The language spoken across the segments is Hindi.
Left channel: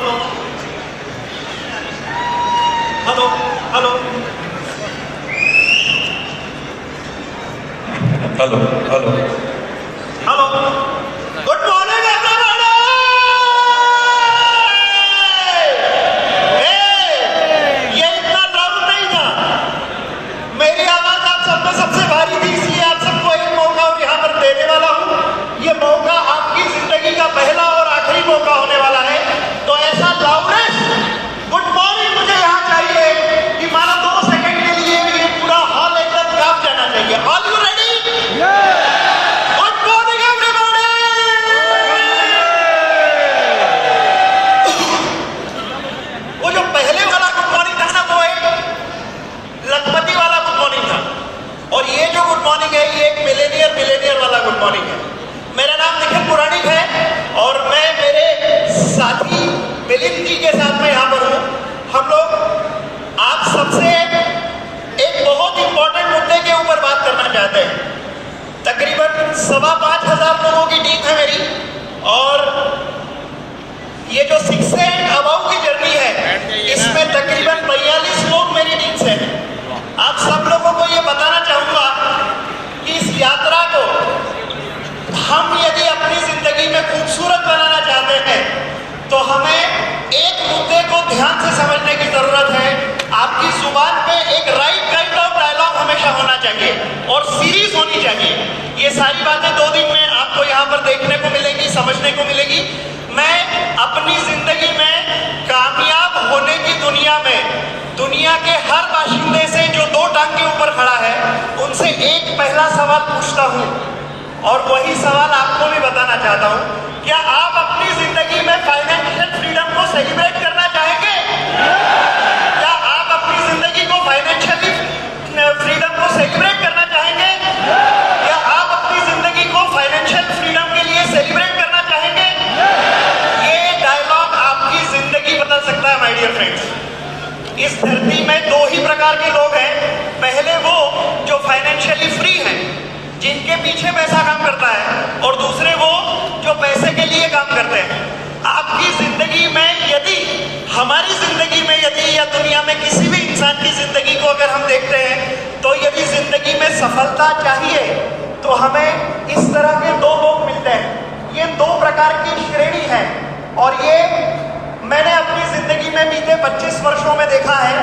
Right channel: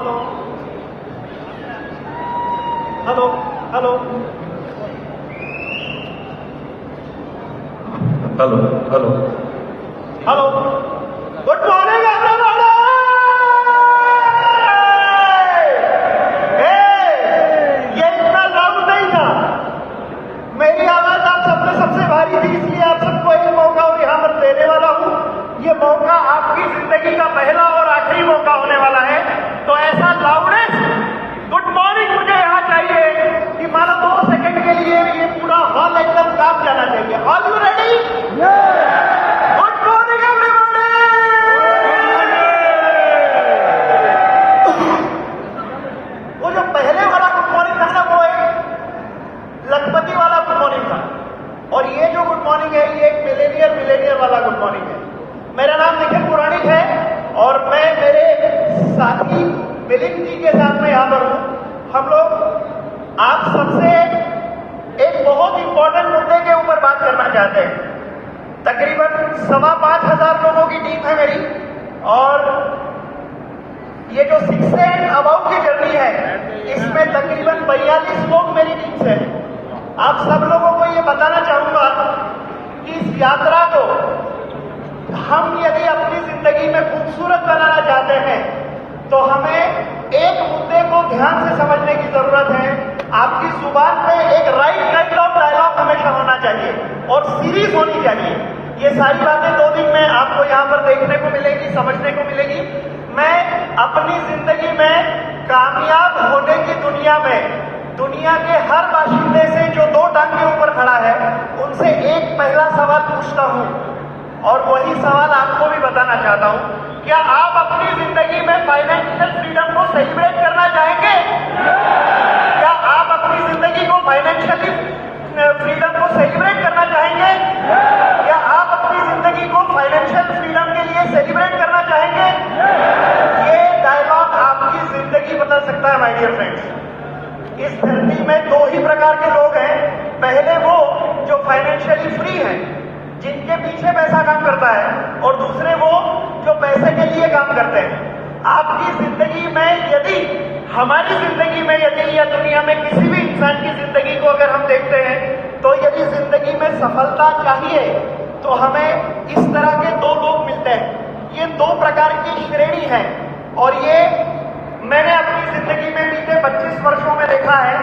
Hello hello hello hello hello hello good morning everybody. ये इतना लाउड नहीं था, मेरी आवाज आप सब में सबसे भारी थी, इसलिए आप सबको एक मौका और यहाँ पर देने वाला हूँ। ये मौका आपकी जिंदगी का पहला और आखिरी मौका होने वाला है, तो ऐसा लाउडेस्ट गुड मॉर्निंग मुझे यहाँ चाहिए कि मारा 2 सेकंड के लिए भी पूरा हॉल एकदम कांप जाना चाहिए। All you ready? Good morning everybody. वो जो पहले वाला गुड मॉर्निंग था ना, वो एक लखपति वाला गुड मॉर्निंग था, और ये जो गुड मॉर्निंग है ये एक मिलेनियर वाला गुड मॉर्निंग है। मेरा नाम निखिल पुराणिक है और मैं मेरे साथी मिलिंद जी के साथ में यहाँ पर हूँ। हम लोग आप सबसे एक बहुत इंपॉर्टेंट मुद्दे के ऊपर बात करना चाहते हैं। तकरीबन 5,500 लोगों की टीम है मेरी, और ये जो 6 से अबाउ की जर्नी है इसमें तकरीबन 42 लोग मेरी टीम से हैं। आप सब लोगों को ये बताना चाहूँगा कि इस यात्रा को हम यदि अपनी जिंदगी में खूबसूरत बनाना चाहते हैं तो हमें एक मुद्दे को ध्यान से समझने की जरूरत है। आपकी जुबान पे एक राइट काइंड ऑफ डायलॉग हमेशा होना चाहिए और सीरीज होनी चाहिए। ये सारी बातें 2 दिन में आपको यहाँ पर देखने को मिलेगी, समझने को मिलेगी। मैं अपनी जिंदगी में कामयाब होने की दुनिया में दुनिया के हर बाशिंदे से जो 2 टांग के ऊपर खड़ा है उनसे एक पहला सवाल पूछता हूँ, और वही सवाल आपको भी बताना चाहता हूँ। क्या आप अपनी जिंदगी में फाइनेंशियल फ्रीडम को सेलिब्रेट करना चाहेंगे? क्या आप अपनी जिंदगी को फाइनेंशियली फ्रीडम को सेलिब्रेट करना चाहेंगे? क्या आप अपनी जिंदगी को फाइनेंशियल फ्रीडम के लिए सेलिब्रेट करना चाहेंगे? ये डायलॉग आपकी जिंदगी बदल सकता है माय डियर फ्रेंड्स। इस धरती में 2 ही प्रकार के लोग हैं। पहले वो जो फाइनेंशियली फ्री हैं, जिनके पीछे पैसा काम करता है, और दूसरे वो जो पैसे के लिए काम करते हैं। आपकी जिंदगी में यदि, हमारी जिंदगी में यदि, या दुनिया में किसी भी इंसान की जिंदगी को अगर हम देखते हैं तो यदि जिंदगी में सफलता चाहिए तो हमें इस तरह के 2 लोग मिलते हैं। ये 2 प्रकार की श्रेणी है, और ये मैंने अपनी जिंदगी में बीते 25 वर्षों में देखा है।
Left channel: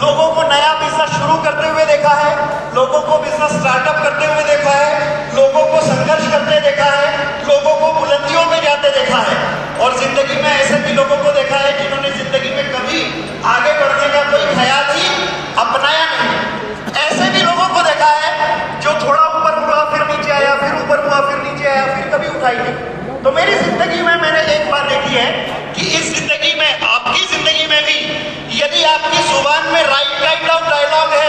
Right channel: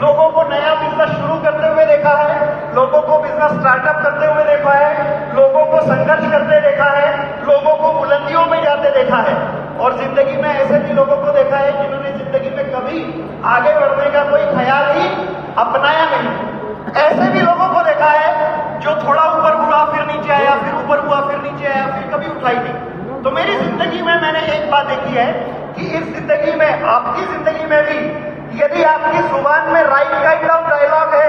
लोगों को नया बिजनेस शुरू करते हुए देखा है, लोगों को बिजनेस स्टार्टअप करते हुए देखा है, लोगों को संघर्ष करते देखा है, लोगों को बुलंदियों में जाते देखा है, और जिंदगी में ऐसे भी लोगों को देखा है जिन्होंने जिंदगी में कभी आगे बढ़ने का कोई ख्याल ही अपनाया नहीं। ऐसे भी लोगों को देखा है जो थोड़ा ऊपर हुआ फिर नीचे आया, फिर ऊपर हुआ फिर नीचे आया, फिर कभी उठाई नहीं। तो मेरी जिंदगी में मैंने एक बात देखी है कि इस जिंदगी में, आपकी जिंदगी में भी यदि आपकी जुबान में राइट काइंड ऑफ डायलॉग है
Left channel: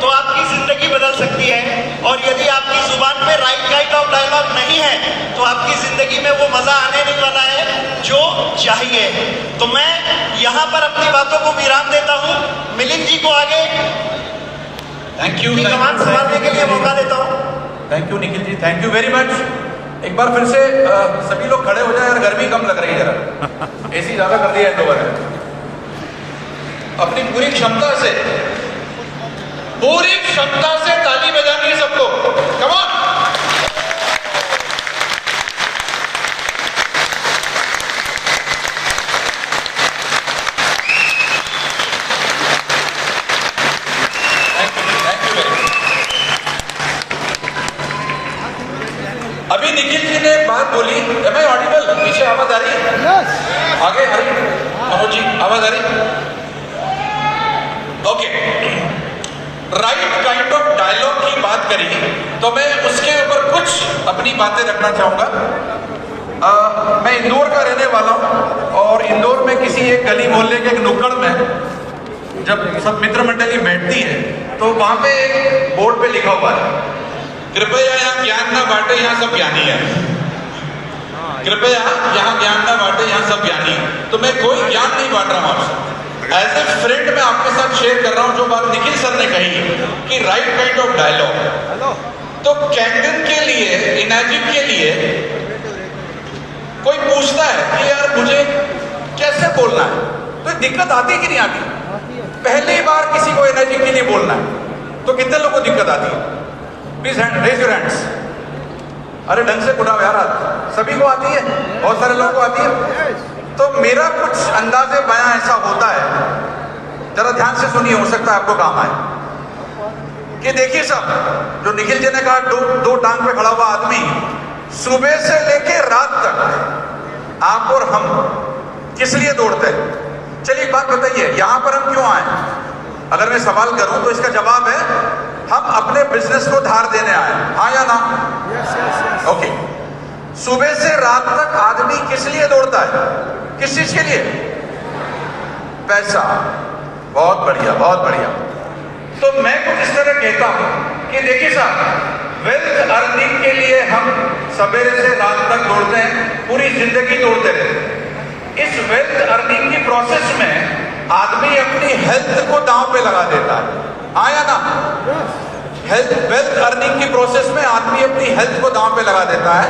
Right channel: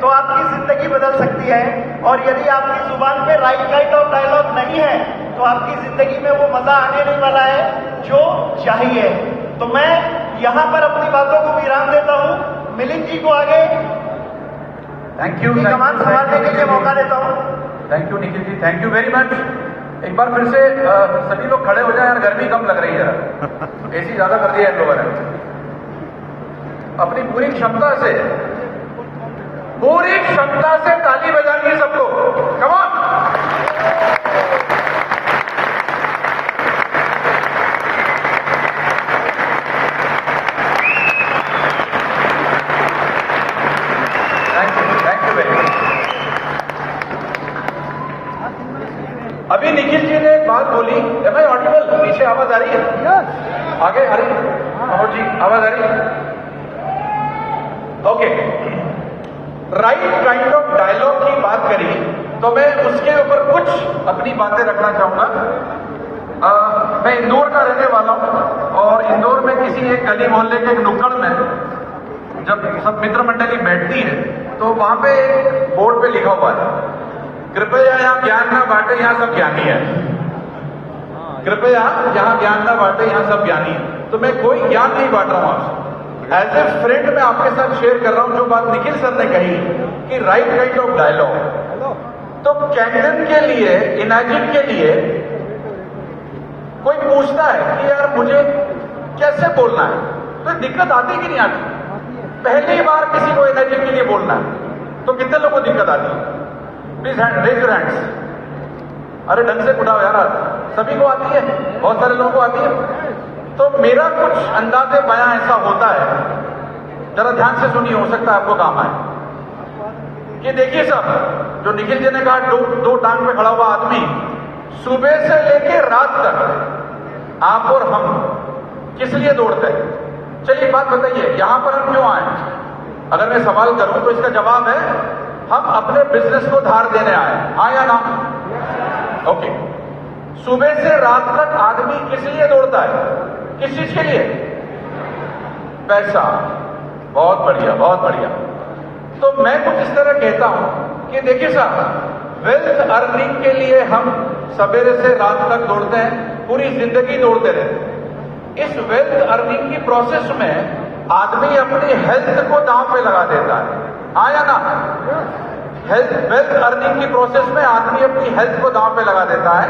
तो आपकी जिंदगी बदल सकती है, और यदि आपकी जुबान में राइट काइंड ऑफ डायलॉग नहीं है तो आपकी जिंदगी में वो मजा आने नहीं वाला है जो चाहिए। तो मैं यहाँ पर अपनी बातों को विराम देता हूँ। मिलिंद जी को आगे थैंक यू कमान संभालने के लिए मौका देता हूँ। Thank you Nikhil ji, thank you very much. एक बार फिर से सभी लोग खड़े हो जाए यार, गर्मी कम लग रही है जरा, एसी ज्यादा कर दिया है दोबारा। अपनी पूरी क्षमता से ताली बजानी है सबको। Come on. Thank you very much. अभी निखिल जी ने एक बात बोली, एम आई ऑडिबल? पीछे आवाज आ रही है? आगे आ रही है? मनोज जी आवाज आ रही है? Okay. Right kind of dialogue की बात करी तो मैं उसके ऊपर कुछ अपनी बातें रखना चाहूँगा। मैं इंदौर का रहने वाला हूँ, और इंदौर में किसी एक गली मोहल्ले के एक नुक्कड़ में जब सब मित्र मंडली बैठती है तो वहाँ पे एक बोर्ड पे लिखा हुआ है, कृपया यहाँ ज्ञान न बांटे, यहाँ सब ज्ञानी है। कृपया यहाँ ज्ञान न बांटे, यहाँ सब ज्ञानी है। तो मैं कोई ज्ञान नहीं बांट रहा हूँ आपसे, एज ए फ्रेंड मैं आपके साथ शेयर कर रहा हूँ जो बात निखिल सर ने कही कि राइट काइंड ऑफ डायलॉग। तो कैंगन के लिए, इमेजिन के लिए कोई पूछता है कि यार मुझे कैसे बोलना है, तो दिक्कत आती कि नहीं आती? पहली बार किसी को एनर्जी के लिए बोलना है तो कितने लोगों को दिक्कत आती है? Please raise your hands. अरे ढंग से उठाओ यार, सभी को आती है, बहुत सारे लोगों को आती है। तो मेरा कुछ अंदाजे बयां ऐसा होता है, जरा ध्यान से सुनिए, हो सकता है आपको काम आए। कि देखिए साहब, जो निखिल जी ने कहा दो टांग पे खड़ा हुआ आदमी, सुबह से लेके रात तक आप और हम किस लिए दौड़ते हैं? चलिए बात बताइए, यहां पर हम क्यों आए? अगर मैं सवाल करूं तो इसका जवाब है हम अपने बिजनेस को धार देने आए, हाँ या ना? ओके। सुबह से रात तक आदमी किस लिए दौड़ता है? किस चीज के लिए? पैसा। बहुत बढ़िया, बहुत बढ़िया। तो मैं कुछ इस तरह कहता हूं कि देखिए साहब, वेल्थ अर्निंग के लिए हम सवेरे से रात तक दौड़ते हैं, पूरी जिंदगी दौड़ते रहते हैं। इस वेल्थ अर्निंग की प्रोसेस में आदमी अपनी हेल्थ को दांव पे लगा देता है, हाँ या ना? वेल्थ अर्निंग की प्रोसेस में आदमी अपनी हेल्थ को दांव पे लगा देता है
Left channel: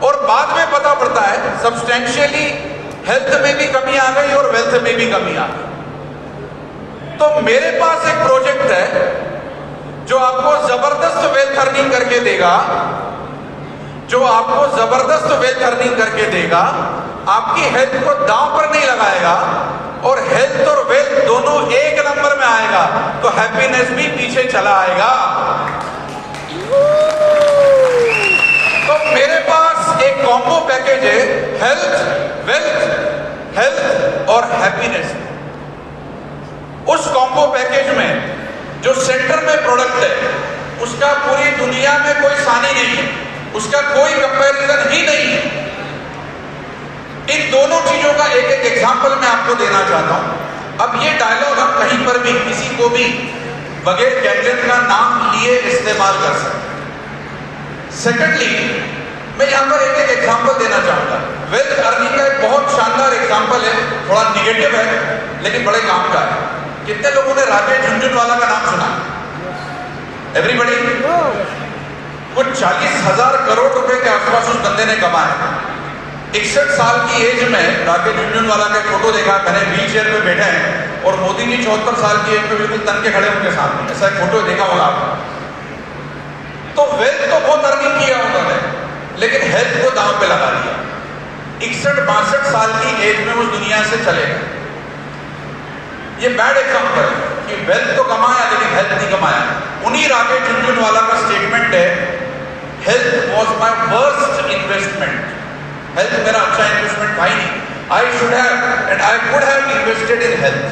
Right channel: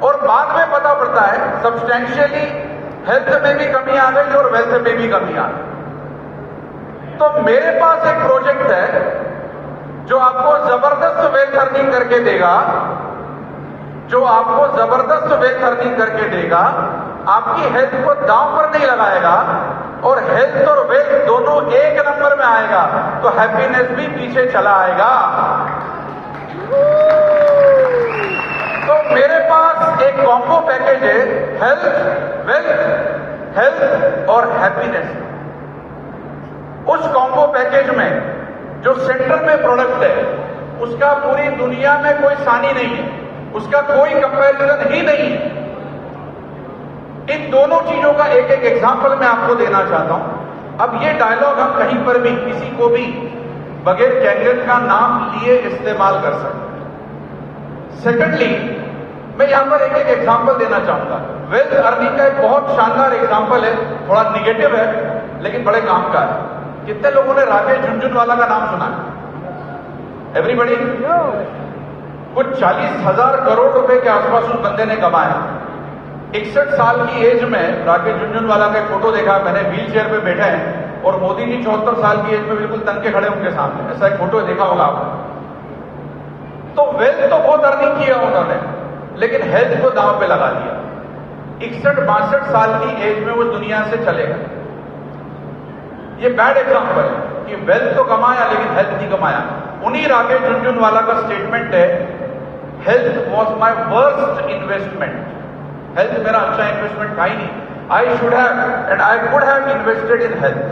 और बाद में पता पड़ता है सब्सटेंशियली हेल्थ में भी कमी आ गई और वेल्थ में भी कमी आ गई। तो मेरे पास एक प्रोजेक्ट है जो आपको जबरदस्त वेल्थ अर्निंग करके देगा, जो आपको जबरदस्त वेल्थ अर्निंग करके देगा, आपकी हेल्थ को दांव पर नहीं लगाएगा और हेल्थ और वेल्थ दोनों एक नंबर में आएगा, तो हैप्पीनेस भी पीछे चला आएगा। तो मेरे पास एक कॉम्बो पैकेज है, हेल्थ, वेल्थ, हेल्थ और हैप्पीनेस। उस कॉम्बो पैकेज में जो सेंटर में प्रोडक्ट है, उसका पूरी दुनिया में कोई सानी नहीं है, उसका कोई कंपैरिजन ही नहीं है। इन दोनों चीजों का एक एक एग्जांपल मैं आपको देना चाहता हूं। अब ये डायलॉग हम कहीं पर भी किसी को भी बगैर कैंडिडेट का नाम लिए इस्तेमाल कर सकते। सेकेंडली, मैं यहां पर एक एक एग्जांपल देना चाहूंगा। वेल्थ अर्निंग का एक बहुत शानदार एग्जांपल है, थोड़ा निगेटिव है लेकिन बड़े काम का है। कितने लोगों ने राजेश झुनझुनवाला का नाम सुना? एवरीबॉडी? कुछ 40,000 करोड़ रुपए के आसपास उस बंदे ने कमाए। 61 साल की एज में राकेश झुनझुनवाला का फोटो देखा मैंने, व्हील चेयर पे बैठे हैं और मोदी जी 74 साल की एज में बिल्कुल तन के खड़े उनके सामने, ऐसा एक फोटो देखा होगा आपने। तो वेल्थ तो बहुत अर्निंग किया उन्होंने, लेकिन हेल्थ को दांव पे लगा दिया। 61-62 साल की एज में उस दुनिया से चले गए। ये बैड एग्जांपल है कि वेल्थ तो कमाया लेकिन हेल्थ नहीं कमाया। उन्हीं राकेश झुनझुनवाला का स्टेटमेंट है, health was my worst investment. Health मेरा अच्छा इन्वेस्टमेंट था ही नहीं। I should have and I could have invested in health.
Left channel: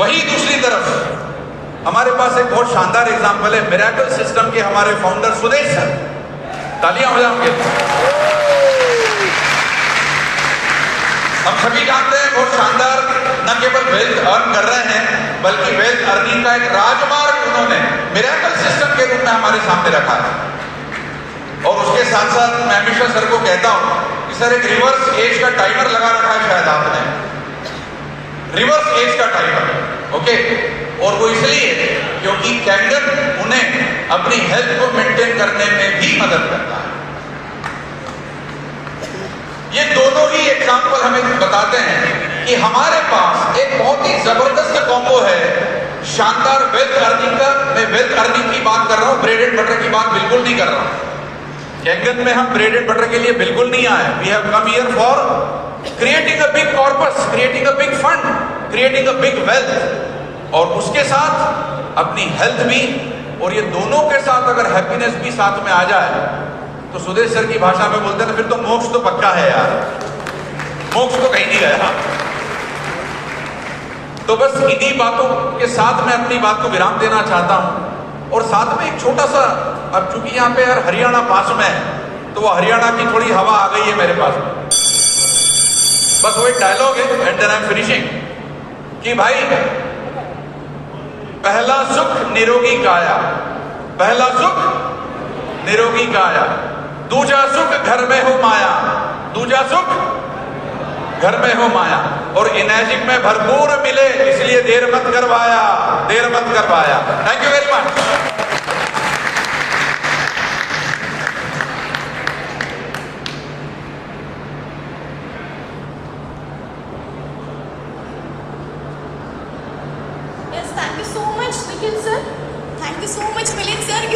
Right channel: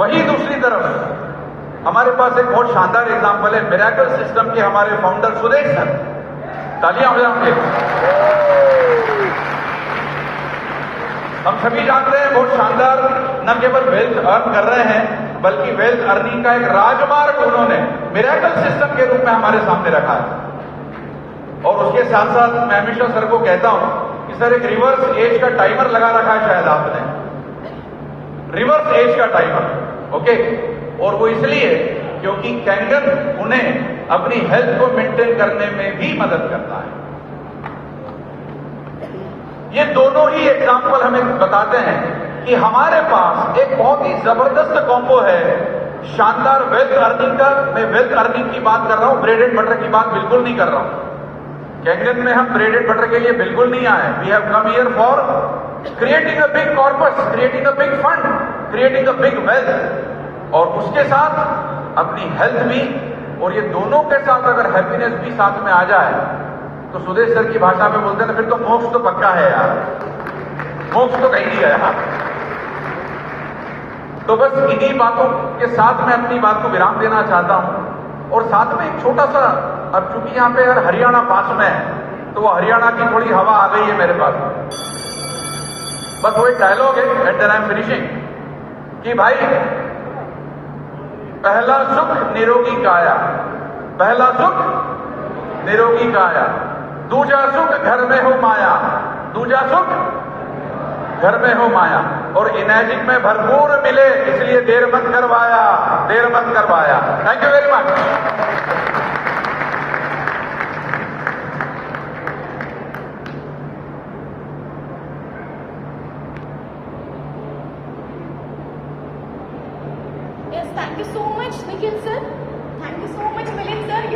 वही दूसरी तरफ हमारे पास एक बहुत शानदार एग्जांपल है, मिरेकल सिस्टम के हमारे फाउंडर सुदेश सर। तालियां हो जाएंगे। हम सभी जानते हैं बहुत शानदार, न केवल वेल्थ अर्न कर रहे हैं बल्कि वेल्थ अर्निंग का एक राजमार्ग उन्होंने मिरेकल सिस्टम के रूप में हमारे सामने रखा है। और उसके साथ साथ मैं हमेशा सर को कहता हूं कि सर एक रिवर्स एज का टाइमर लगा रखा है, शायद आपने, रिवर्स एज का टाइमर, ओके। और वो इसलिए क्योंकि कैंगन उन्हें अपनी हेल्थ को मेंटेन करने में भी मदद करता है। ये दोनों ही एग्जाम्पल हमें बताते हैं कि हमारे पास एक बहुत ही जबरदस्त कॉम्बो है, शानदार वेल्थ अर्निंग का। मैं वेल्थ अर्निंग की बात कर रहा हूं, ब्रेड एंड बटर की बात बिल्कुल नहीं कर रहा हूं। कैंगन में हम ब्रेड एंड बटर के लिए बिल्कुल नहीं आए। We have come here for creating a big corpus, creating a big fund, creating a big wealth, और उसके साथ अपनी हेल्थ भी। और ये दोनों के साथ अगर हैप्पीनेस भी साथ में आ जाए तो सुदेश सर की भाषा में बोलते हैं फिर तो मोक्ष तो पक्का है यार, मोक्ष तो कहीं नहीं गया। तो बस इन्हीं बातों के साथ मैं अपनी बात को विराम देना चाहता हूं। और साथ में एक छोटा सा, अब चूंकि यहाँ पे यार हरियाणा पास में है तो वो हरियाणा की थोड़ी हवा आ गई है मेरे पास में। बस वो एक डायलॉग है and then I am finishing कि भाई, पहला सुख निरोगी काया, पहला सुख निरोगी काया, दूजा सुख घर में हो माया, दूजा सुख घर में हो माया। और इनर्जिक में भरपूर मिले इसलिए देर मत करवाया, देर मत करवाया। Thank you very much. you so much, Nikhil sir.